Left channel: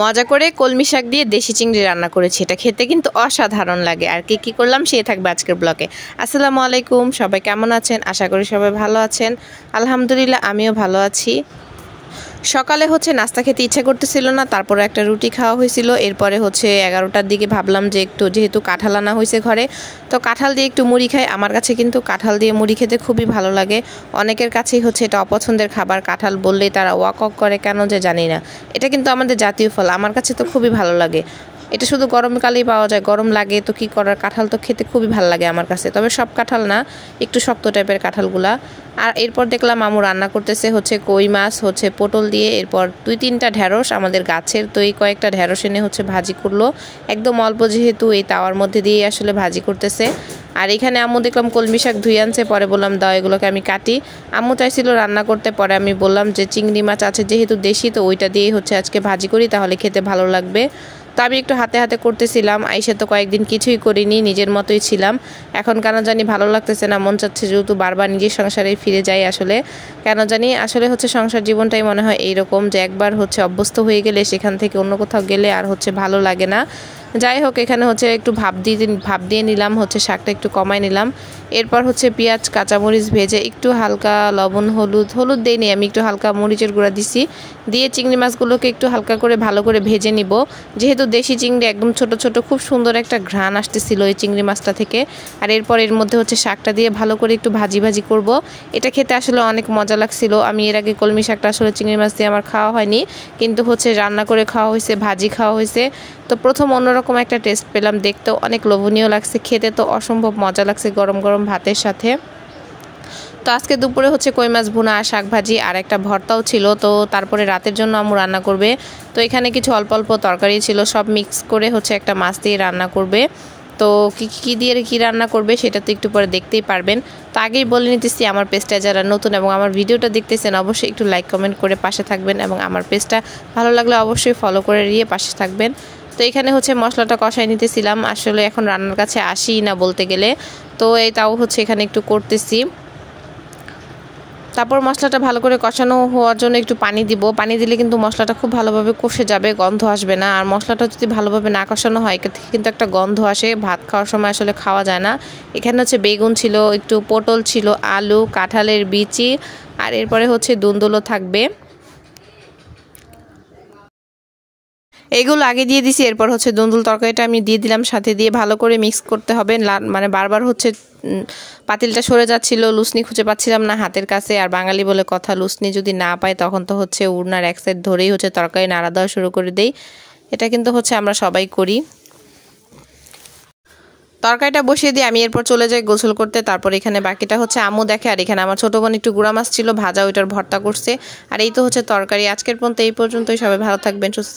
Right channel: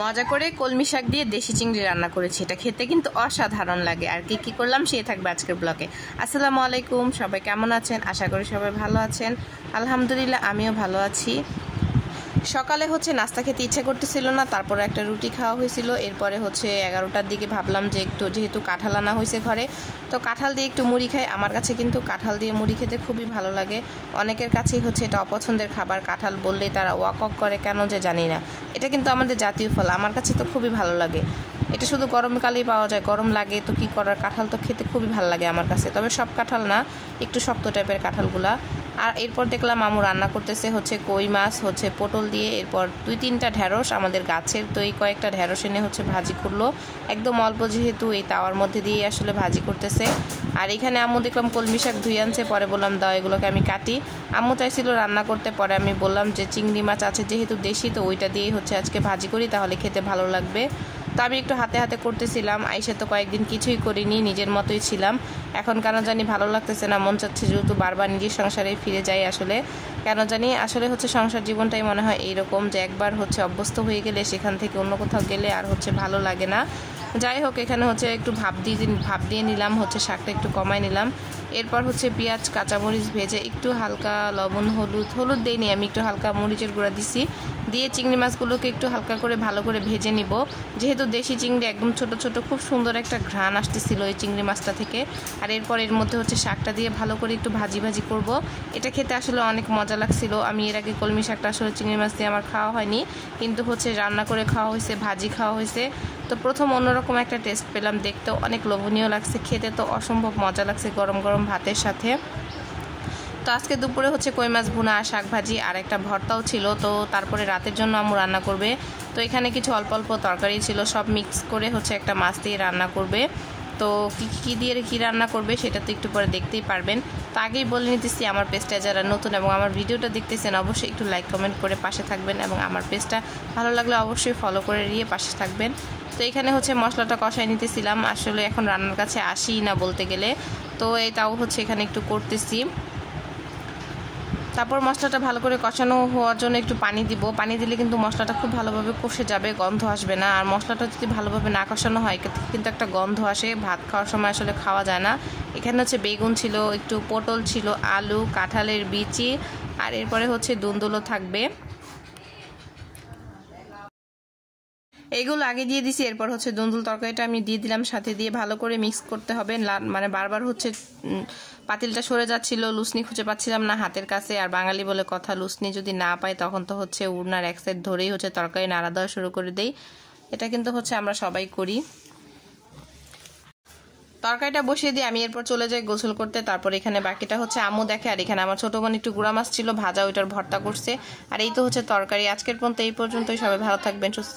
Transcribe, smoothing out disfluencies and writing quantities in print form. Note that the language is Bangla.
মজা করে কলমি শাক দিয়ে দেশি চিংড়ি রান্না করেছি। এটা খেতে কিন্তু অসাধারণ লাগে। আর কি করলাম সে থাকবে আজকের ব্লগে। আসসালামু আলাইকুম, সবাই কেমন আছেন? আশা করি সবাই ভালো আছেন। আলহামদুলিল্লাহ আমিও ভালো আছি। সকালে নাস্তা খেতে ইচ্ছা করতেছিল না, তারপরে একটা রুটি খাওয়া হয়েছিল। এরপরে 11টার দিকে ভাবলাম যে একটু যেহেতু কাঁঠাল আনা হয়েছে ঘরে, তো কাঁঠাল দিয়ে একটু মুড়ি খাই। আমার কাছে কিন্তু কাঁঠাল দিয়ে মুড়ি খেতে খুবই ভালো লাগে। অনেকের কাছেই এটা অপছন্দের খাবার। কাঁঠাল বললেই তারা ওয়াক ওয়াক করে, কেন যে জানি না। এটা কিন্তু আমাদের জাতীয় ফল, আমার কাছে তো খুবই ভালো লাগে। এটা শুধু গরমকালেই পাওয়া যায়, গরম লাগে তো কি করার। কাঁঠাল তো খেতে খুবই ভালো লাগে আমার কাছে, তবে সব কাঁঠাল না, একটু শক্ত টাইপের কাঁঠালগুলা। আর এরপর দেখলাম আমু রান্না করতেছে কই মাছ পটল দিয়ে। এরপর 2-3টা ঢেঁড়স আমাদের গাছের, তো এই কয়েকটা ঢেঁড়স এনে ভাজি করলো একদম অল্প, যেহেতু এই তাওয়ার মধ্যে দিয়ে আসলে ভাজি করতেছে। আর এখানে আম্মু দেখলাম কলমি শাক ধুয়ে আনছে, পরে বললাম দাও এগুলোকে আমি কাটি। আম্মু চাইছিল রান্না করতে, পরে আমি বললাম যে চিংড়ি মাছ আছে যেহেতু দেশি, তো ওইটা দিয়ে আজকে ভাজি করি, তাহলে খেতে ভালো লাগবে। তো আমি একটু হাতে হাতে করতেছিলাম। আইসা তো কয়েকদিন কিছুই করিনি, নিজের মতোই ছিলাম। এখন কেন জানি ভালো লাগতেছে না, মন চাচ্ছে যেহেতু বারবার নিজের সংসারে ফিরে যাই। আসলে কেন জানি আসলে সংসার জীবনটাই মনে হয় এইরকম, যে একবার অভ্যস্ত হয়ে গেলে সেখান থেকে অন্য কোথাও গেলে আর ভালো লাগে না। যাই হোক, এখানে একটু ভাপ দিয়ে নিলাম, শাকটা একটু কমাই নিলাম। এরপর পেঁয়াজ কাঁচামরিচ ভেজে একটু হালকা লবণ হলুদ দেইনি আমি, একটু হালকা মরিচের গুঁড়া দিছি, দিয়ে চিংড়ি মাছগুলোকে একটু হালকা করে ভালো করে ভেজে নিব। যেহেতু দেশি চিংড়ি একদম ছোট ছোট, খুব সুন্দর একটা ঘ্রাণ আসতেছিল এই চিংড়ি মাছটা থেকে। আর এরপর এর মধ্যে শাকটা দিয়ে ভালো করে একটু ভাজি করব। এটা খেতে আসলে অনেক মজা লাগছিল। আমি এর আগে কলমি শাকটা আসলে চিংড়ি মাছ দিয়ে আমার খাওয়া হয়নি, কিন্তু রান্না করে খাওয়া হয়েছে, ভাজি খাওয়া হয়েছে। তো প্রথম অন্যরকম একটা টেস্ট পেলাম, দেখতেও অনেক লোভনীয় লাগছে, খেতে তো অসম্ভব মজা লাগছে গরম গরম ভাতের সাথে। তো আজকে দুপুরে কই মাছ ভুনা আর শাক ভাজি আর একটা ভর্তাও ছিল। তো তারপরে রাতের জন্য আম্মু রান্না করবে। তো এখানে কিছু অল্প অল্প তরকারি ছিল, সব মিক্স করে একটা মাছ দিয়ে রান্না করবে। তো কী দিয়ে কী রান্না করবে সেটা তো একটু পরে দেখতেই পারবেন। তো আগেই বলে নিতেছি, আমার পেজটা যারা নতুন এবং আমার ভিডিওটা দেখতেছেন অবশ্যই একটু লাইক কমেন্ট করে পাশে থাকবেন, এবং আমার পেজটা ভালো লাগলে অবশ্যই ফলো করে দিয়ে পাশে থাকবেন। তো এখানে মশলাটা কষাই নিতেছিলাম, আসলে এখন রান্নার কাছে আসি না বলতে গেলে। তো এই তাও এখানে একটু করতেছি। তারপর মশলাটা ভালো করে কষানো হওয়ার জন্য একটু পানি দিব। পানি দিলে কিন্তু মশলাটা খুব ভালোভাবে কষে যাবে, গন্ধ আসবে না। আর মশলাটা যদি ভালোভাবে না কষানো হয় কিন্তু একটা গন্ধ আসে, ভাত খাওয়ার সময় আসলে খাওয়া যায় না। এখানে বেগুন ছিল, একটু পটল ছিল, আলু, কাঁঠালের বিচি, আর এরপরে দুন্দুলও থাকবে। এগুলো আগে দিয়ে দিছি। এরপর দুন্দুল তরকারিটা আমি দিয়ে দিলাম, সাথে দিয়ে ভালো করে মিক্স করতে হবে। মানে বারবার পাতিলটা সরে যাচ্ছিল, লুসনি খুঁজে পাচ্ছিলাম না হাতের কাছে। আর বাঙালি বলে কথা, লুসনি যদি না পাই তখন তো উড়নার এক সাইড ধরেই তরকারি নাড়া দেওয়া শুরু করে দেই। এটা কিন্তু আমরা সবাই করি। তরকারিটা বসিয়ে দিয়ে আমি এরপর চলে যাই গোসল করতে। তারপর এখানে বাকিটা আম্মু দেখে। আর এখানে আমার ছোট বোন একটু গুঁড়া মাছ ছিল ভাজা, ওইটার ভর্তা করছে। আর এই তো তরকারি। আজকের পর্যন্ত এই পর্যন্তই। সবাই ভালো থাকবেন, সুস্থ